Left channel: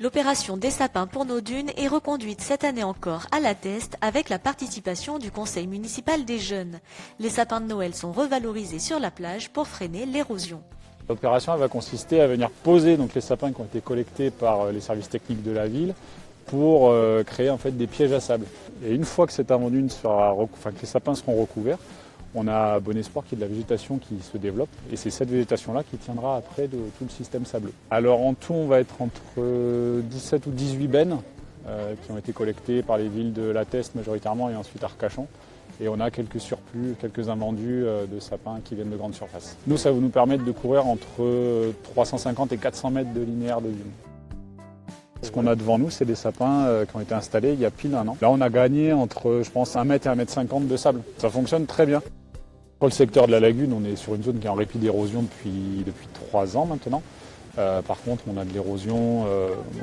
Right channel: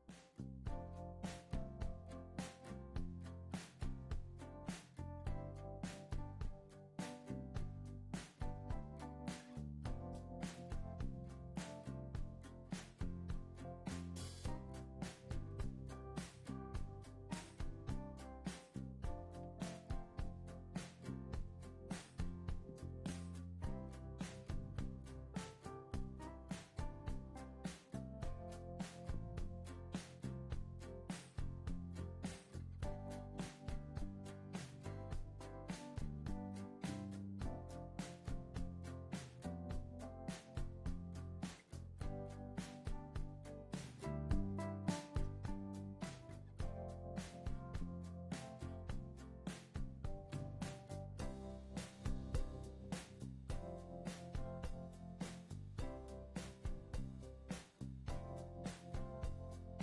L'opération des sapins pour nos dunes est reconduite cette année encore à la Teste avec la participation du conseil municipal des jeunes. Les sapins de Noël sont revalorisés sur la plage pour freiner l'érosion. L'opération va consister à venir poser donc, les sapins qui ont été collectés par les services techniques de la ville pour créer en fait, des pièges à sable. Et une fois que cette avant-dune que les sapins seront recouverts, on a bon espoir qu'il y ait de la végétation qui se développe et c'est cette végétation-là qui tiendra après de tout le système sableux. Alors en tout, on va être entre 17 ou 18 bennes qui ont été collectées par les villes de La Teste majoritairement et ensuite Arcachon. Et on a quelques surplus, quelques invendus de sapins qui viennent de grande surface. Nous, ça va nous permettre de courir entre 350 et 400 mètres de linéaire de dune. Ce qu'on a devant nous, c'est des sapins qui ont été installés il y a pile un an. Là, on a gagné entre, je pense, 1 mètre et 1 mètre 50 de sable. Ça fonctionne très bien. Pour le secteur de la lagune, on est sur une zone qui est en répit d'érosion depuis 3 ans maintenant. Par contre, on a de l'érosion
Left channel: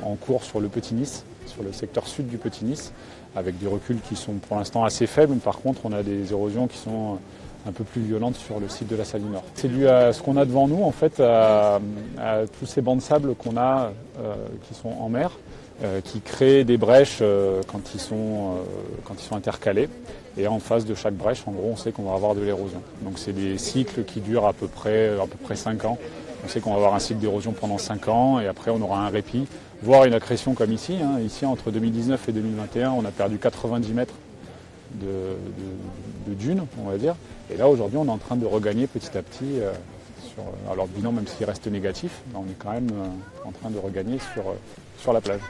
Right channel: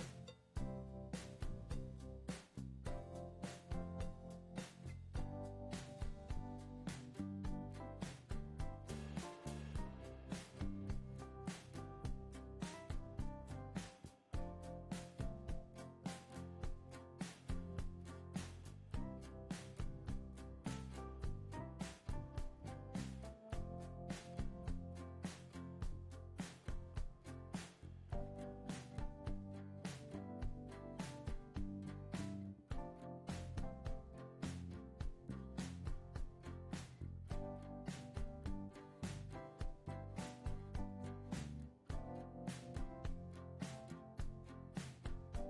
en cours sur le Petit Nice, sur le secteur sud du Petit Nice, avec des reculs qui sont pour l'instant assez faibles. Par contre, on a des érosions qui sont un peu plus violentes sur le site de la Saline Nord. C'est dû à ce qu'on a devant nous, en fait, à tous ces bancs de sable qu'on a qui sont en mer, qui créent des brèches quand ils sont intercalés. Et en face de chaque brèche, en gros, on sait qu'on va avoir de l'érosion. Donc c'est des cycles qui durent à peu près 5 ans. On sait qu'on va avoir un cycle d'érosion pendant 5 ans et après on aura un répit, voire une accrétion comme ici. Ici, entre 2019 et 2021, on a perdu 90 mètres de dunes, on va dire. Et là, aujourd'hui, on est en train de regagner petit à petit, alors le bilan, même s'il reste négatif, on est quand même en train de regagner sur la plage.